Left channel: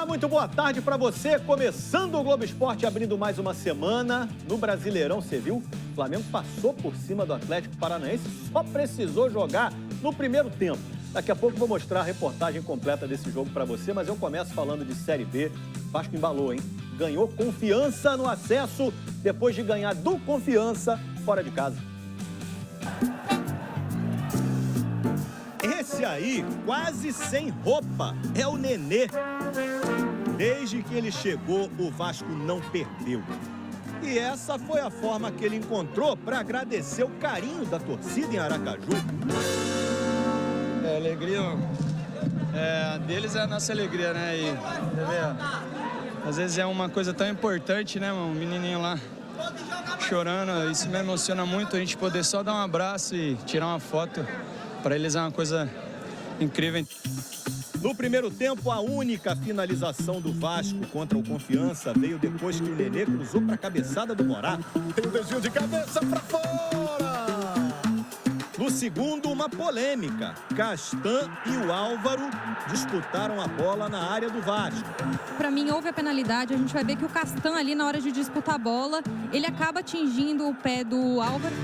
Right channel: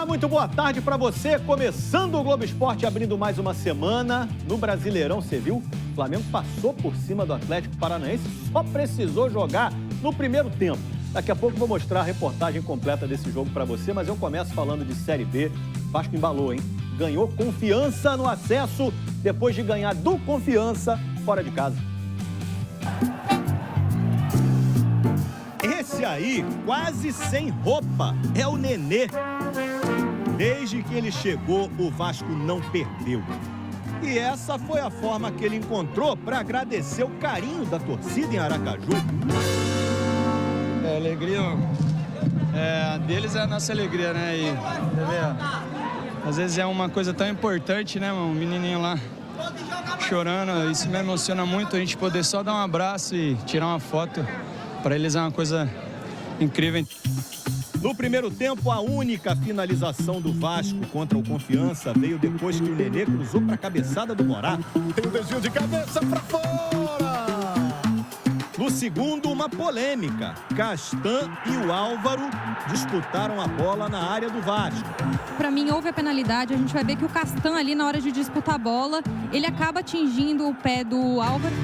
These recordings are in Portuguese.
Olá, muito boa tarde para você. Começando o Globo Esporte, abrindo mais uma semana. No Brasileirão, você viu? O Flamengo passou por cima do Atlético Paranaense, só precisou jogar no primeiro tempo. Daqui a pouco vou mostrar a reportagem completa desse jogo para você, mas eu começo falando de Série B. Vasco embalou, hein? Ganhou confiança no acesso, depois de ganhar do Confiança fora de casa. Esse aí, quase sem roupa, é o Nenê. Desde que ele chegou, o Vasco não perdeu. E essa foi a forma que ele encontrou para agradecer o carinho da torcida em Aracaju. A alegria deles é a nossa alegria, né? E, às vezes é uma coisa tão importante, né, um menininho lá chorando. Isso me emociona muito, a gente poder só dar um abraço e tirar uma foto. Para eles é uma coisa incrível. No primeiro tempo, a única finalização do Vasco contra o Confiança veio depois que o Nenê cruzou para a cabeçada do Morato. Tem um desvio de cabeça para fora! No segundo, uma polêmica. Castan e o Álvaro disputaram a bola na área do Vasco. Para mim, houve a penalidade. A gente vai ver que o Castan ali, na hora de disputar a bola, ele acaba atingindo o pé do Álvaro.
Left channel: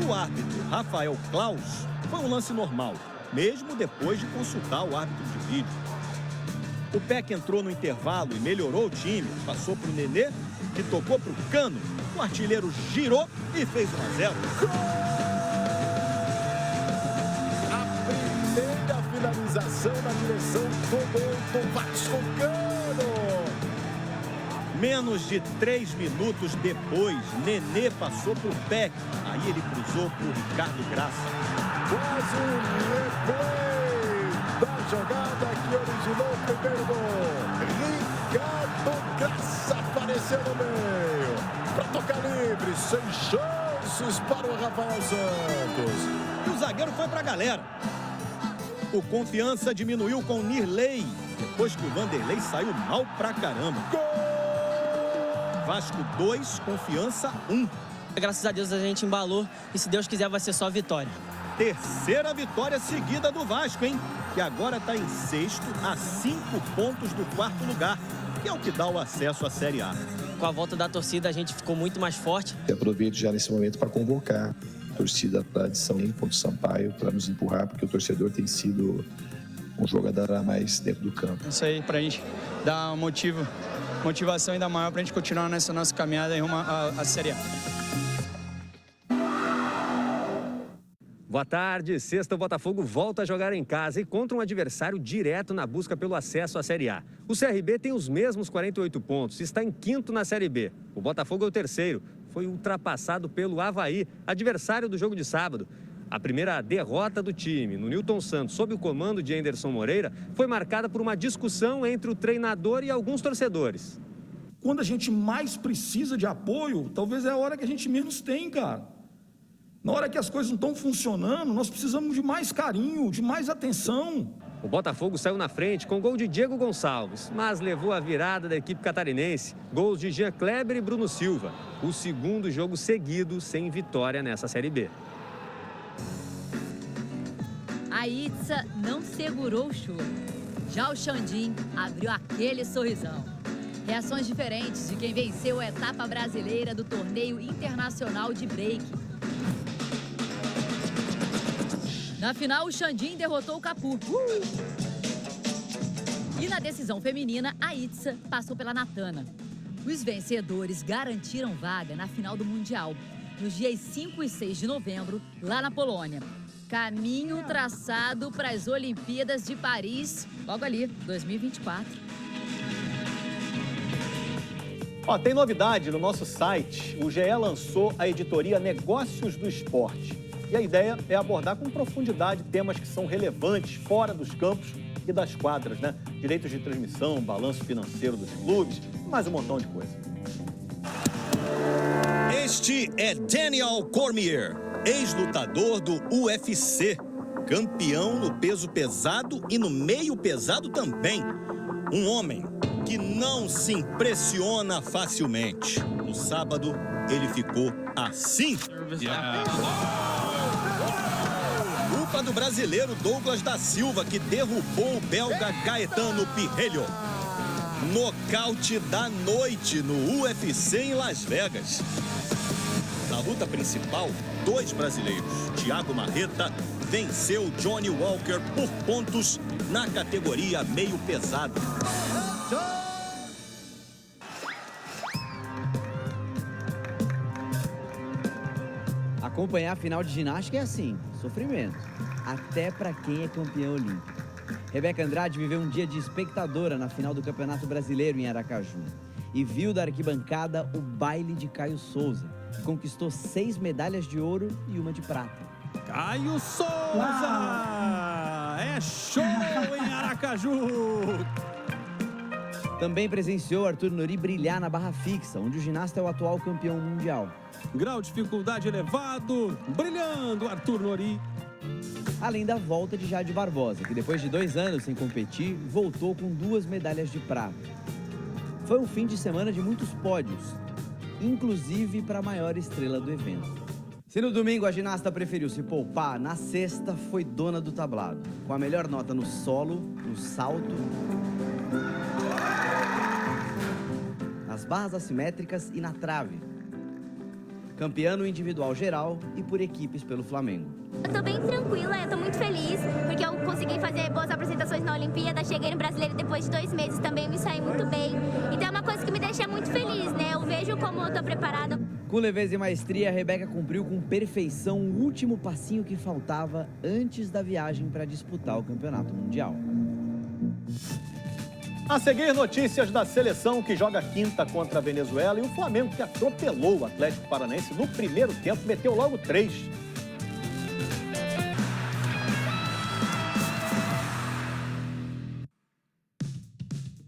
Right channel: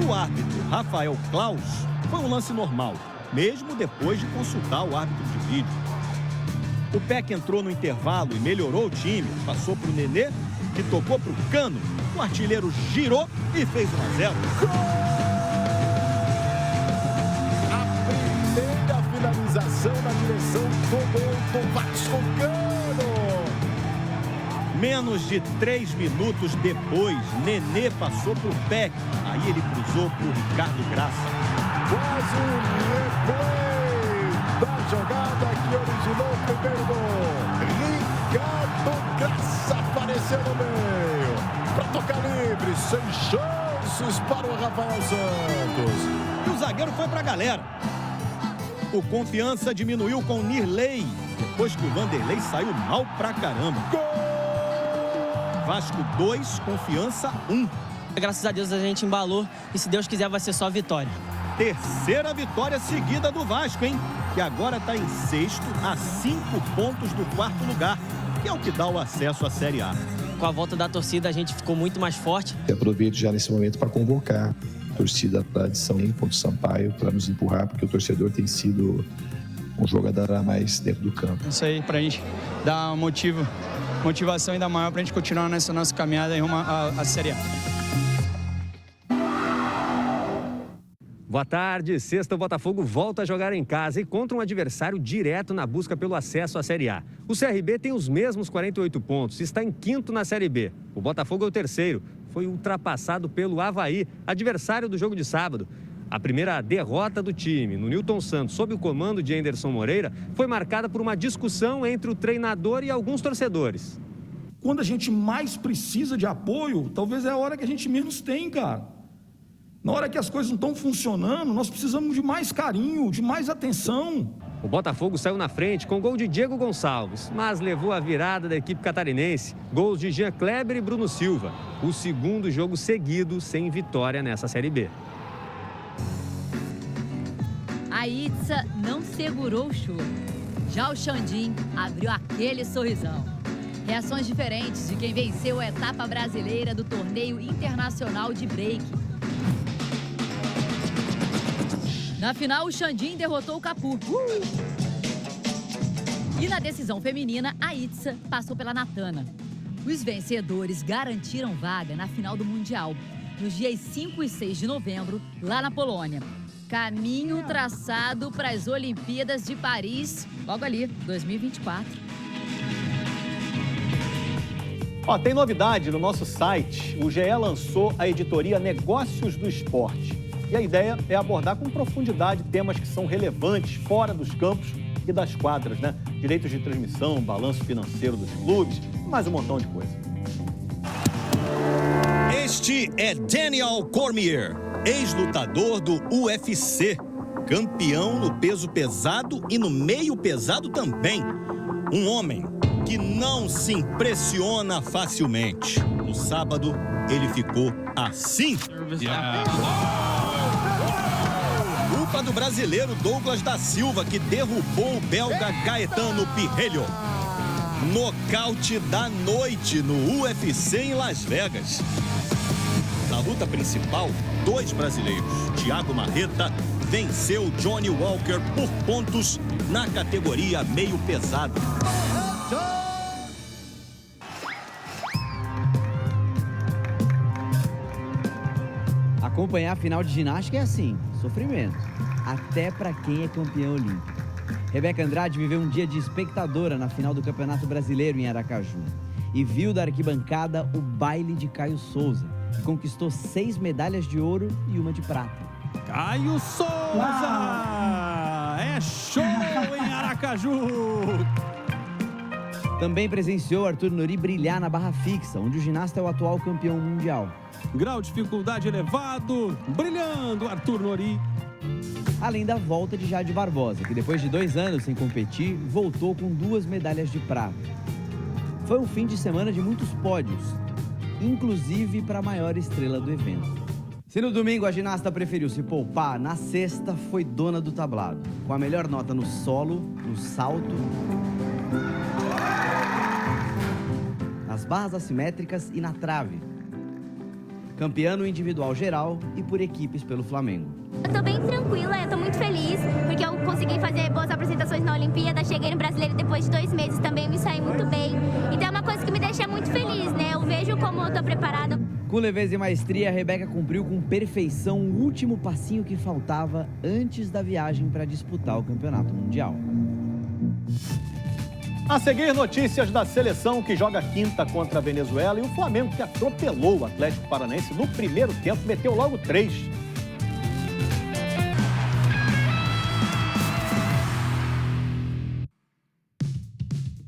Para o árbitro Rafael Claus, foi um lance normal, mesmo depois de consultar o árbitro de vídeo. O Peck entrou no intervalo e melhorou o time. Passou para o Nenê, que tocou para o Cano. O artilheiro girou e fez 1-0. A primeira finalização na direção do gol do Vasco. Cano. Menos de 3 minutos depois, Nenê passou para o Peck. Aí ele cruzou para o Ricardo Graça. Quase um replay da jogada que originou o primeiro gol. Ricardo Graça apareceu no meio. Para tocar livre, sem chances para o Rafael Santos. E o zagueiro foi para a galera. O Confiança diminuiu com o Nirley, depois que o Vanderlei saiu mal pra caramba. Gol! Vasco 2, Confiança 1. Graças a Deus a gente embalou e se Deus quiser vai ser só vitória. Terceira vitória seguida do Vasco, hein? Que agora está em sexto, a 5 pontos do quarto lugar, que é o que dá o acesso à Série A. Com a volta da torcida a gente ficou muito mais forte. Eu aproveito já nesse momento para convocar a torcida da São contra o Sampaio para nos empurrar, porque o torcedor tem sido um jogador a mais dentro do campo. Isso aí, para a gente dar motivação ainda maior para a gente continuar nessa nossa caminhada em rumo à Série A. Boa tarde. Sexta, o Botafogo volta a jogar em casa e contra um adversário direto na busca pelo acesso à Série A. O CRB tem os mesmos 48 pontos e está em quinto na Série B. O Botafogo é o terceiro. Foi ultrapassado pelo Avaí, adversário do jogo de sábado. A primeira derrota do time no Newton Santos, sob o comando de Anderson Moreira, foi marcada por uma discussão entre o treinador e alguns torcedores. Quando a gente mais precisa de apoio, talvez é a hora que a gente menos tem, cara. Na hora que as coisas não estão funcionando, nós precisamos de mais carinho, de mais atenção. O Botafogo saiu na frente com gol de Diego Gonçalves, mas levou a virada da equipe catarinense. Gols de Jean Kleber e Bruno Silva. O segundo jogo seguido sem vitória nessa Série B. A Itza não segurou o choro. Já o Xandim abriu aquele sorrisão. Reações diferentes de quem venceu a etapa brasileira do torneio internacional de break. Na final, o Xandim derrotou o Capu. E na decisão feminina, a Itza passou pela Natana. Os vencedores garantiram vaga na final do Mundial, nos dias 5 e 6 de novembro, lá na Polônia. Caminho traçado para as Olimpíadas de Paris, logo ali, 2024. Ó, tem novidade no nosso site. O GE lançou a editoria Negócios do Esporte. E a ideia é abordar com profundidade temas que são relevantes fora dos campos e das quadras, né? Direitos de transmissão, balanço financeiro dos clubes, mais um montão de coisa. Este é Daniel Cormier, ex-lutador do UFC, campeão no peso pesado e no meio pesado também. Um homem que não se impressiona facilmente. No sábado, ele ficou assim. Culpa do brasileiro Douglas da Silva, que derrubou o belga Gaetano Pirrelho. Nocaute da noite no UFC em Las Vegas. Na luta principal, 2 brasileiros, Thiago Marreta venceu Johnny Walker por pontos na categoria meio pesado. Acompanhar a final de ginástica é assim, sofrimento, até para quem é campeão olímpico. Rebeca Andrade viveu um dia de espectadora na final do Campeonato Brasileiro em Aracaju e viu da arquibancada o baile de Caio Souza, que conquistou 6 medalhas de ouro e 1 de prata. Caio Souza! É show em Aracaju! Também presenciou Arthur Nori brilhar na barra fixa, onde o ginasta é o atual campeão mundial. Grau de dificuldade elevado, brilhando Arthur Nori. Além da volta de Jade Barbosa, que depois de 2 anos sem competir, voltou com 2 medalhas de prata. Foi um fim de semana de muitos pódios, inclusive para a maior estrela do evento. Se no domingo a ginasta preferiu se poupar, na sexta foi dona do tablado, com a melhor nota no solo, no salto, nas barras assimétricas e na trave. Campeã no individual geral e por equipes pelo Flamengo. Eu tô bem tranquila, eu tô muito feliz, porque eu consegui fazer boas apresentações na Olimpíada, cheguei no Brasileiro depois de 2 meses também, me saí muito bem. Então é uma coisa que me deixa muito feliz, né? Eu vejo como eu tô preparada. Com leveza e maestria, a Rebeca cumpriu com perfeição o último passinho que faltava antes da viagem para disputar o Campeonato Mundial. A seguir, notícias da seleção que joga quinta contra a Venezuela e o Flamengo que atropelou o Atlético Paranaense no primeiro tempo, meteu logo 3.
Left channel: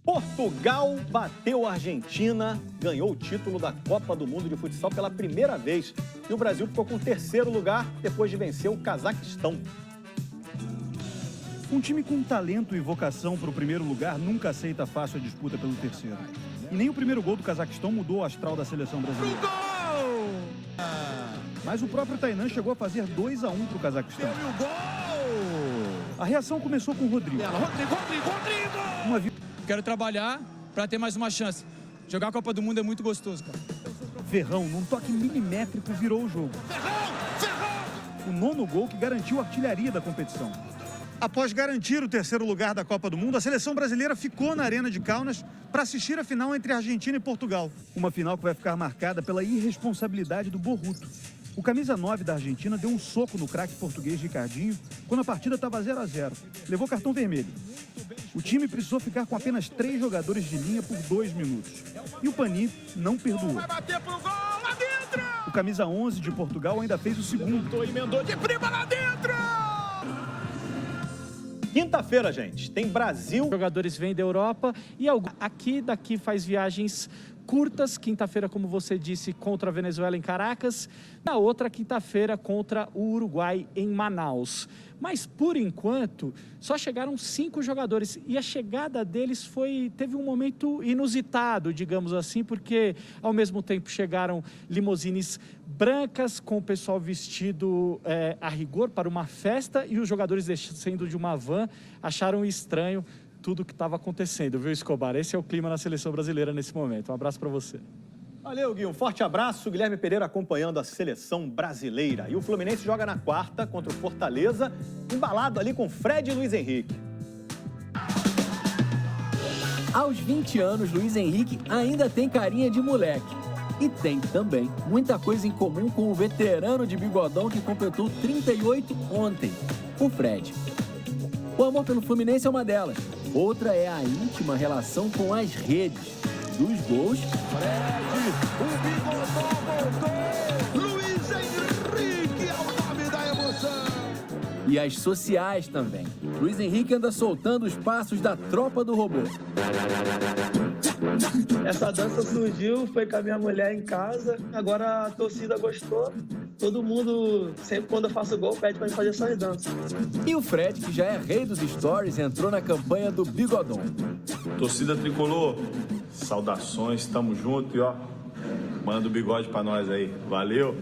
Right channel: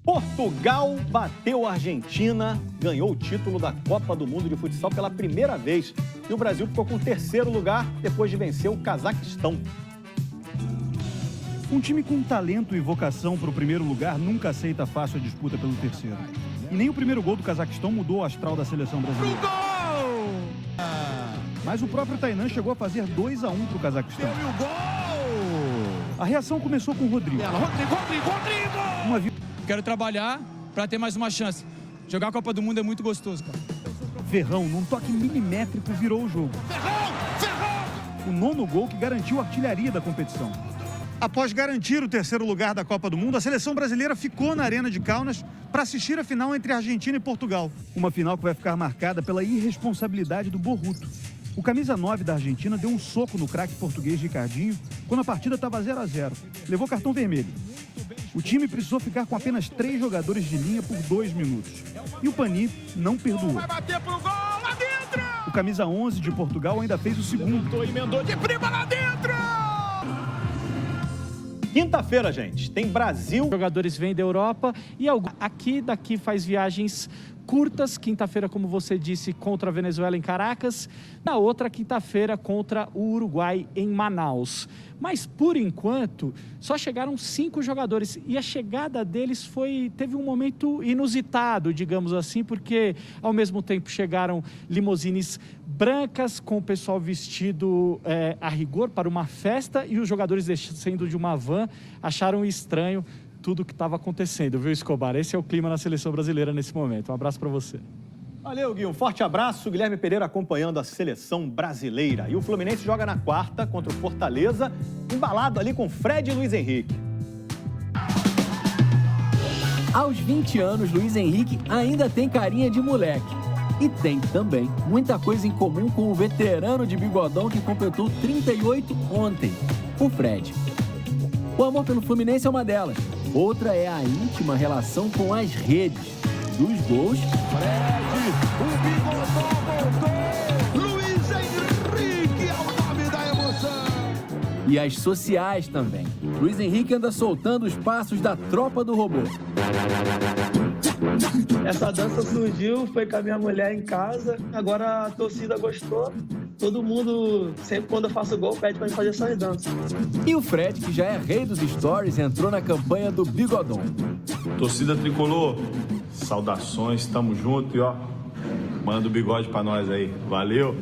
Portugal bateu a Argentina, ganhou o título da Copa do Mundo de Futsal pela primeira vez. E o Brasil ficou com o 3º lugar depois de vencer o Cazaquistão. Um time com talento e vocação para o primeiro lugar nunca aceita fácil a disputa pelo 3º. E nem o primeiro gol do Cazaquistão mudou o astral da seleção brasileira. Gol! Mas o próprio Tainan chegou a fazer 2-1 para o Cazaquistão. E o gol! A reação começou com o Rodrigo. Rodrigo! Quero trabalhar para ter mais uma chance. Jogar a Copa do Mundo é muito gostoso, cara. Ferrão, num toque milimétrico, virou o jogo. Ferrão! O 9º gol que garantiu a artilharia da competição. Após garantir o 3º lugar da Copa do Mundo, a seleção brasileira ficou na Arena de Kaunas para assistir a final entre Argentina e Portugal. Uma final que vai ficar marcada pela irresponsabilidade do Borruto. O camisa 9 da Argentina deu um soco no craque português Ricardinho quando a partida estava 0-0. Levou cartão vermelho. O time precisou ficar com apenas 3 jogadores de linha por 2 minutos. E o Pani não perdoou. Vai bater pro gol lá dentro! O camisa 11 de Portugal ainda fez o segundo. Emendou de prima lá dentro! Quinta-feira, gente, tem Brasil. Os jogadores vêm da Europa e daqui faz viagens curtas. Quinta-feira, como você disse, contra a Venezuela em Caracas. Na outra quinta-feira, contra o Uruguai em Manaus. Mas, por enquanto, só chegaram 5 jogadores. E a chegada deles teve um momento inusitado, digamos assim, porque, ao mesmo tempo, chegaram limusines brancas, com o pessoal vestido a rigor para uma festa, e os jogadores descendo de uma van acharam estranho tudo o que estava acontecendo, viu, Escobar? Esse é o clima na seleção brasileira nesse momento. Um abraço para você. Valeu, Gui. Um forte abraço. Guilherme Pereira acompanhando a seleção brasileira. E o Fluminense joga na quarta contra o Fortaleza, embalado ali com Fred e Luiz Henrique. Aos 20 anos, Luiz Henrique ainda tem carinha de moleque. E tem também muita coisa em comum com o veterano de bigodão que completou 38 ontem, o Fred. O amor pelo Fluminense é uma delas. Outra é a íntima relação com as redes. Dos gols... Fred, o bigodão voltou! Luiz Henrique é o nome da emoção! E as sociais também. Luiz Henrique anda soltando os passos da tropa do robô. Essa dança surgiu, foi com a minha mulher em casa, agora a torcida gostou. Todo mundo, sempre quando eu faço gol, pede pra mim fazer essas danças. E o Fred, que já é rei dos stories, entrou na campanha do Bigodão. Torcida Tricolor, saudações, tamo junto e ó, manda o bigode pra nós aí, valeu!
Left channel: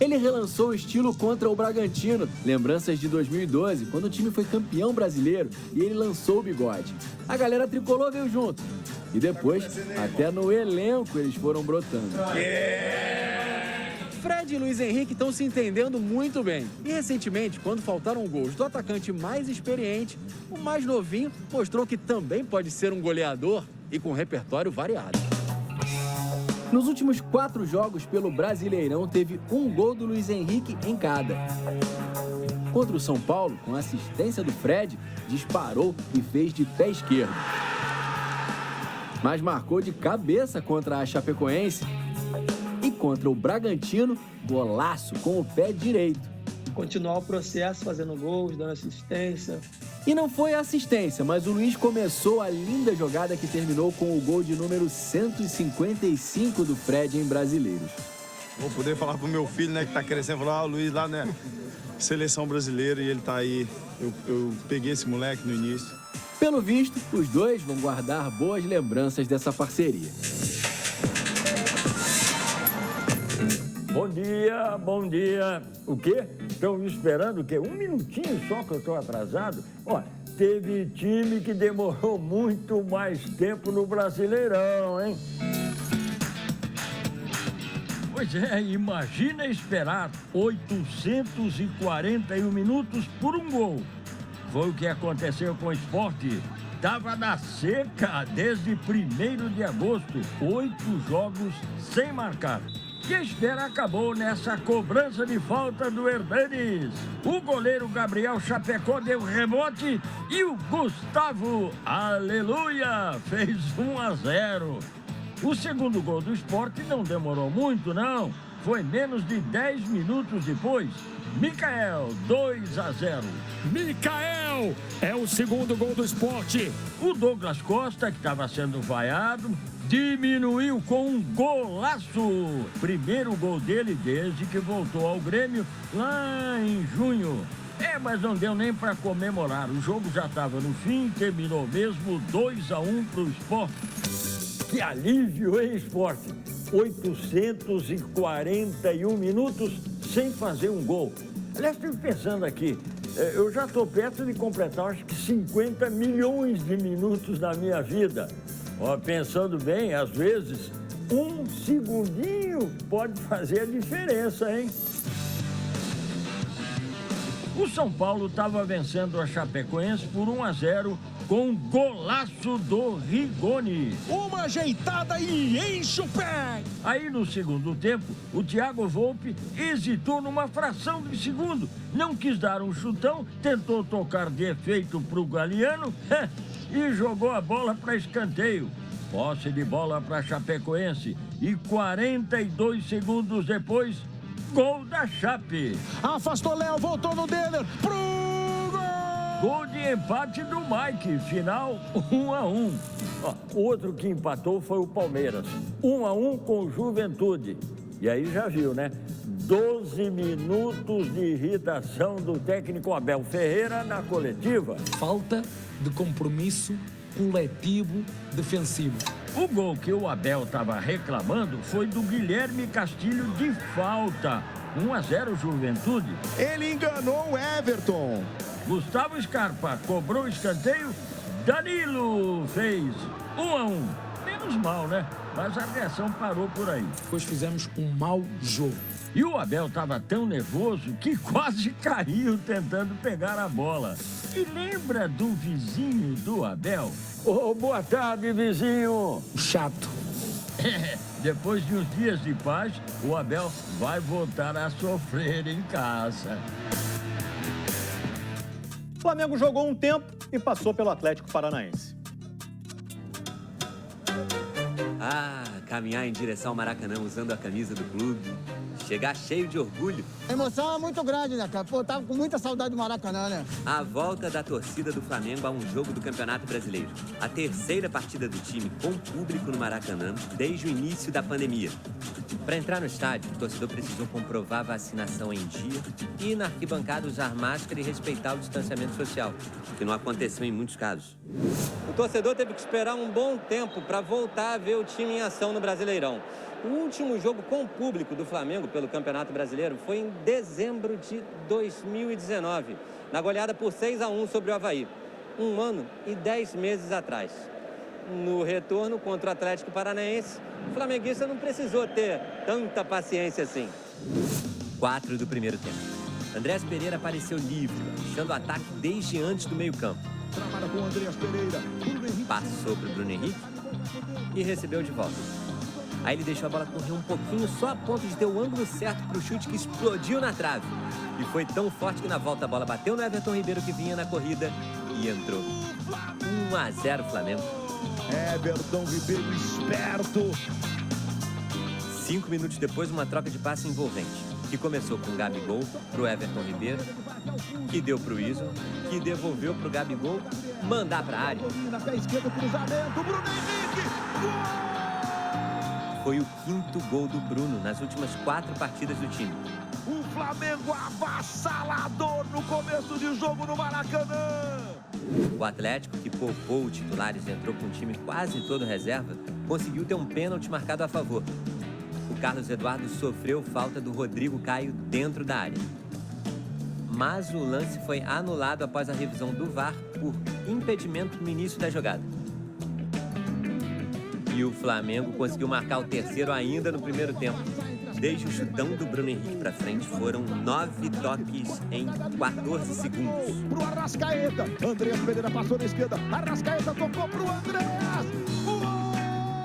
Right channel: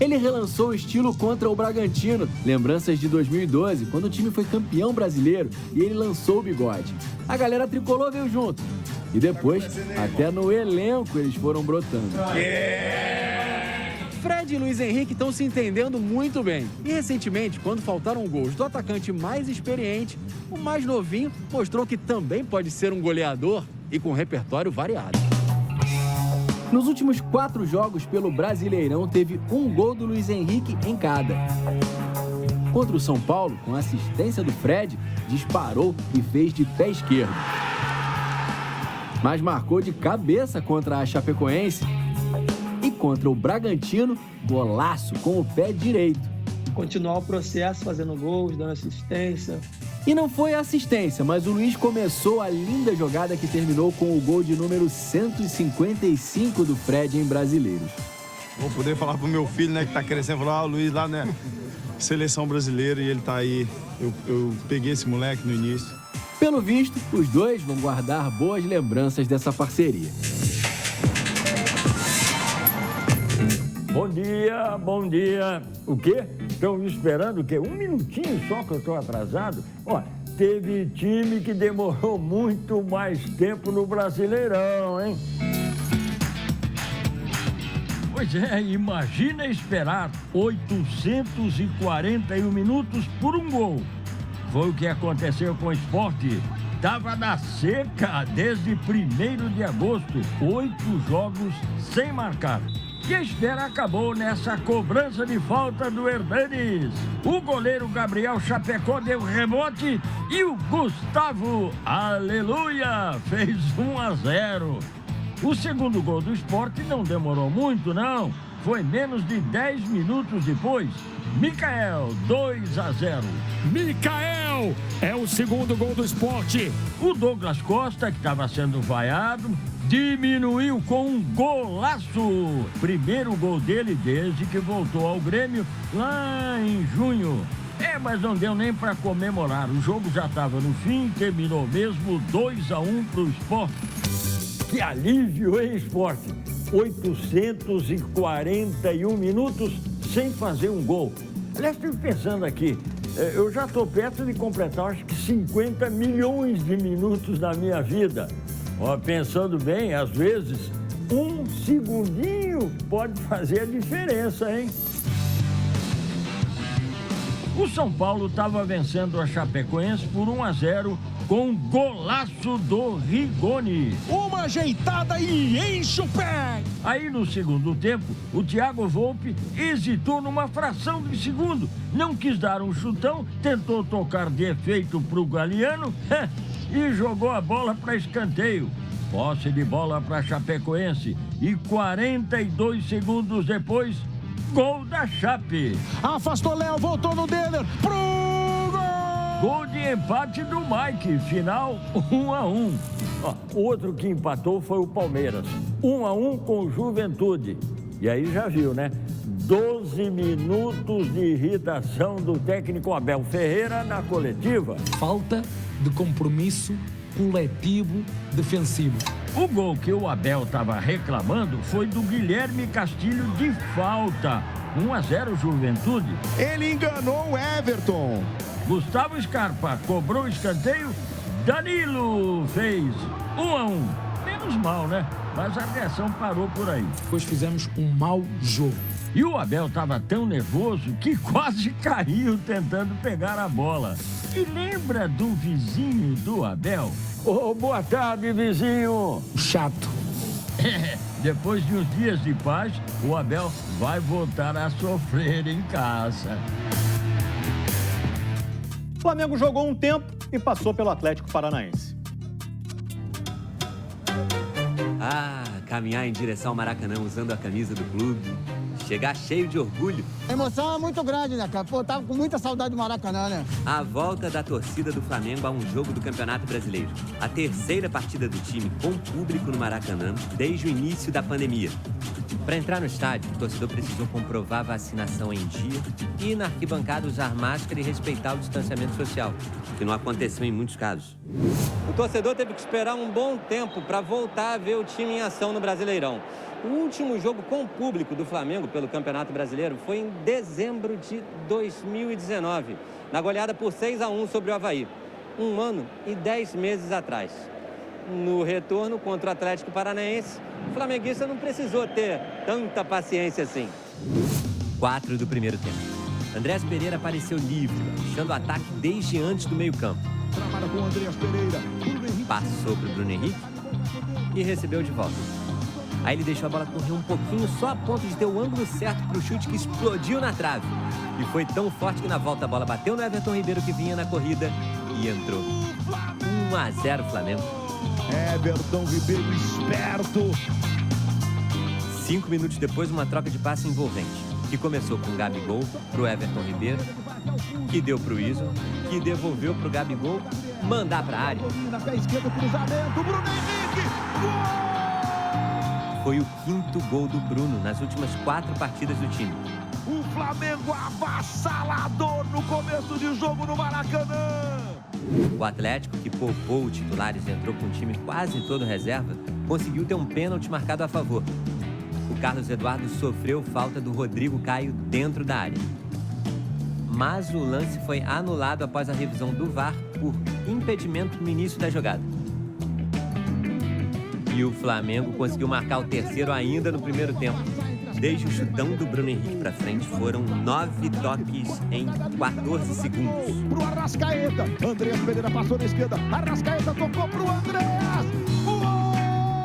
Ele relançou o estilo contra o Bragantino, lembranças de 2012, quando o time foi campeão brasileiro e ele lançou o bigode. A galera tricolor veio junto. E depois, até no elenco eles foram brotando. Fred e Luiz Henrique estão se entendendo muito bem. E recentemente, quando faltaram gols do atacante mais experiente, o mais novinho mostrou que também pode ser um goleador e com repertório variado. Nos últimos 4 jogos pelo Brasileirão, teve um gol do Luiz Henrique em cada. Contra o São Paulo, com assistência do Fred, disparou e fez de pé esquerdo. Mas marcou de cabeça contra a Chapecoense. E contra o Bragantino, golaço com o pé direito. Continuar o processo, fazendo gols, dando assistência. E não foi assistência, mas o Luiz começou a linda jogada que terminou com o gol de número 155 do Fred em Brasileiros. Vou poder falar pro meu filho, né, que tá crescendo, falar, o Luiz lá, né, seleção brasileira, e ele tá aí. Eu peguei esse moleque no início. Pelo visto, os dois vão guardar boas lembranças dessa parceria. Bom dia, bom dia. O quê? Estão me esperando o quê? Um minutinho só que eu estou atrasado? Ó, teve time que demorou muito mais tempo no Brasileirão, hein? Pois é, imagina esperar 841 minutos por um gol. Foi o que aconteceu com o Sport. Tava na seca desde 1º de agosto, 8 jogos sem marcar. E a espera acabou nessa cobrança de falta do Hernanes. O goleiro Gabriel Chapecó deu rebote e o Gustavo, aleluia, fez 1-0. O segundo gol do Sport não demorou muito, não. Foi menos de 10 minutos depois. Micael, 2-0. Micael é o segundo gol do Sport. O Douglas Costa, que estava sendo vaiado, diminuiu com um golaço. Primeiro gol dele desde que voltou ao Grêmio lá em junho. Mas não deu nem para comemorar. O jogo já estava no fim, terminou mesmo 2-1 para o Sport. Que alívio, hein, Sport? 841 minutos sem fazer um gol. Aliás, estou pensando aqui, eu já estou perto de completar, acho que 50 milhões de minutos na minha vida. Ó, pensando bem, às vezes, um segundinho pode fazer a diferença, hein? O São Paulo estava vencendo a Chapecoense por 1-0 com um golaço do Rigoni. Uma ajeitada e enche o pé! Aí, no segundo tempo, o Thiago Volpi hesitou numa fração de segundo. Não quis dar um chutão, tentou tocar de efeito para o Galeano e jogou a bola para escanteio. Posse de bola para Chapecoense e 42 segundos depois, gol da Chape. Afastou Léo, voltou no Denner, pro gol! Gol de empate do Mike, final 1-1. Outro que empatou foi o Palmeiras, 1-1 com o Juventude. E aí já viu, né? 12 minutos de irritação do técnico Abel Ferreira na coletiva. Falta de compromisso coletivo defensivo. O gol que o Abel estava reclamando foi do Guilherme Castilho de falta. 1-0 Juventude. Ele enganou o Everton. Gustavo Scarpa cobrou o escanteio. Danilo fez 1-1. Menos mal, né? Mas a reação parou por aí. Depois fizemos um mau jogo. E o Abel estava tão nervoso que quase caiu tentando pegar a bola. E lembra do vizinho do Abel? Boa tarde, vizinho. Chato. Depois de uns dias de paz, o Abel vai voltar a sofrer em casa. O Flamengo jogou um tempo e passou pelo Atlético Paranaense. Caminhar em direção ao Maracanã usando a camisa do clube, chegar cheio de orgulho. A emoção é muito grande, né, cara? Pô, tava com muita saudade do Maracanã, né? A volta da torcida do Flamengo a um jogo do Campeonato Brasileiro. A terceira partida do time com público no Maracanã desde o início da pandemia. Para entrar no estádio, o torcedor precisou comprovar a vacinação em dia e ir na arquibancada usar máscara e respeitar o distanciamento social, que não aconteceu em muitos casos. O torcedor teve que esperar um bom tempo para voltar a ver o time em ação no no Brasileirão. O último jogo com público do Flamengo pelo Campeonato Brasileiro foi em dezembro de 2019, na goleada por 6-1 sobre o Avaí. 1 ano e 10 meses atrás. No retorno contra o Atlético Paranaense, o flamenguista não precisou ter tanta paciência assim. 4 do primeiro tempo. Andrés Pereira apareceu livre, deixando o ataque desde antes do meio-campo. Trabalha com o Andrés Pereira. Passou para o Bruno Henrique e recebeu de volta. Aí ele deixou a bola correr um pouquinho, só a ponto de ter o ângulo certo para o chute que explodiu na trave. E foi tão forte que na volta a bola bateu no Everton Ribeiro, que vinha na corrida, e entrou. 1-0 Flamengo. Everton Ribeiro esperto. 5 minutos depois, uma troca de passe envolvente, que começou com o Gabigol pro Everton Ribeiro, que deu pro Isla, que devolveu pro Gabigol, mandar pra área. Na pé esquerdo, cruzamento, Bruno Henrique. Foi o 5º gol do Bruno nas últimas 4 partidas do time. O Flamengo avassalador no começo de jogo no Maracanã. O Atlético, que poupou os titulares e entrou com o time quase todo reserva, conseguiu ter um pênalti marcado a favor. O Carlos Eduardo sofreu falta do Rodrigo Caio dentro da área. Mas o lance foi anulado após a revisão do VAR por impedimento no início da jogada. E o Flamengo conseguiu marcar o terceiro ainda no primeiro tempo. Desde o chutão do Bruno Henrique para frente, foram 9 toques em 14 segundos. Pro Arrascaeta, Andrés Pereira passou na esquerda, Arrascaeta tocou pro Andrés.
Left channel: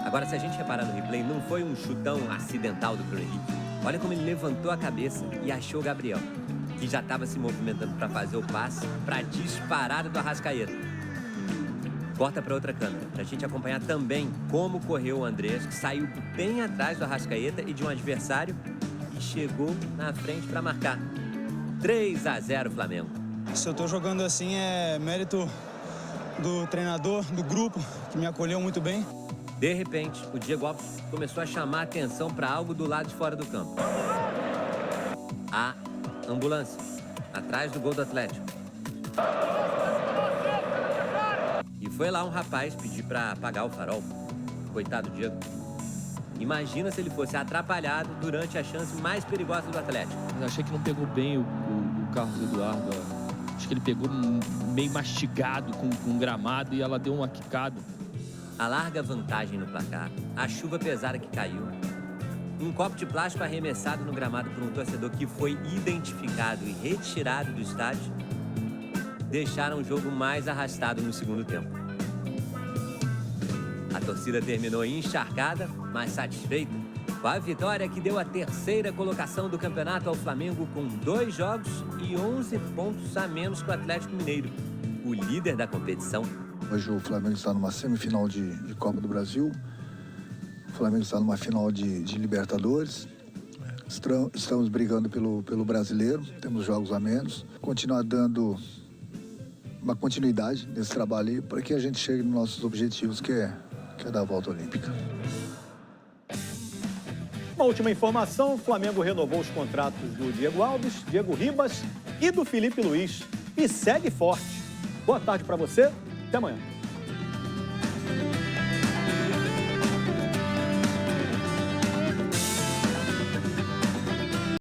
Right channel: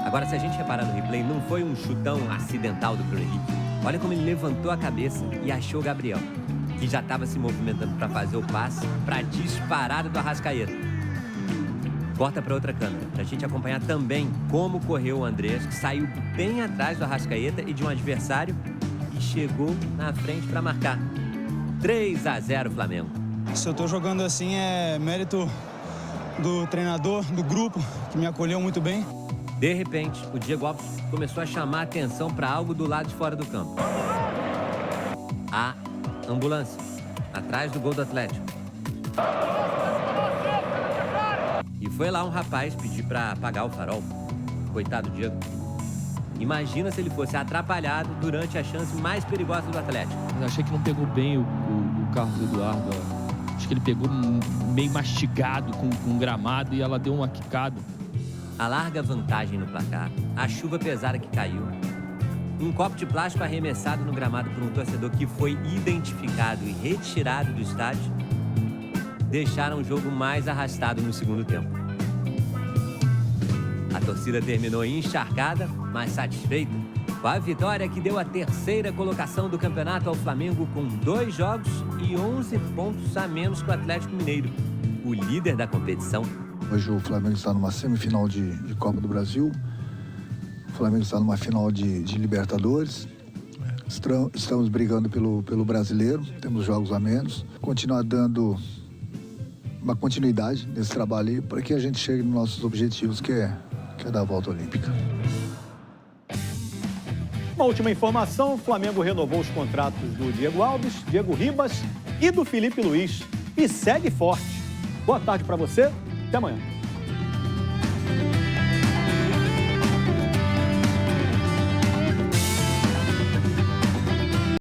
Agora, se a gente reparar no replay, não foi um chutão acidental do Bruno Henrique. Olha como ele levantou a cabeça e achou o Gabriel, que já estava se movimentando para fazer o passe para a disparada do Arrascaeta. Corta para outra câmera, para a gente acompanhar também como correu o Andrés, que saiu bem atrás do Arrascaeta e de um adversário e chegou na frente para marcar. 3-0 Flamengo. Se eu tô jogando assim é mérito do treinador, do grupo, que me acolheu muito bem. De repente, o Diego Alves começou a chamar a atenção para algo do lado de fora do campo. A ambulância, atrás do gol do Atlético. E foi lá um rapaz pedir para apagar o farol. Coitado do Diego. Imagina se ele fosse atrapalhado durante a chance mais perigosa do Atlético. Eu achei que não pegou bem o Carlos Eduardo. Acho que ele pegou meio mastigado com o gramado e ela deu uma quicada. A larga vantagem no placar, a chuva pesada que caiu, um copo de plástico arremessado no gramado por um torcedor que foi identificado e retirado do estádio, deixaram o jogo mais arrastado no segundo tempo. A torcida terminou encharcada, mas satisfeita, com a vitória que deu a 3ª colocação do campeonato ao Flamengo, com 2 jogos e 11 pontos a menos que o Atlético Mineiro, o líder da competição. Hoje o Flamengo está numa semifinal de Copa do Brasil, o Flamengo está numa final de Libertadores, estamos brigando pelo Brasileiro, temos jogos a menos, continuar dando uma continuidade nesse trabalho aí para que a gente chegue nos nossos objetivos, que é dar a volta olímpica. Uma última informação, o Flamengo renovou os contratos do Diego Alves, Diego Ribas e do Felipe Luiz e segue forte. Boa tarde para você. Até amanhã.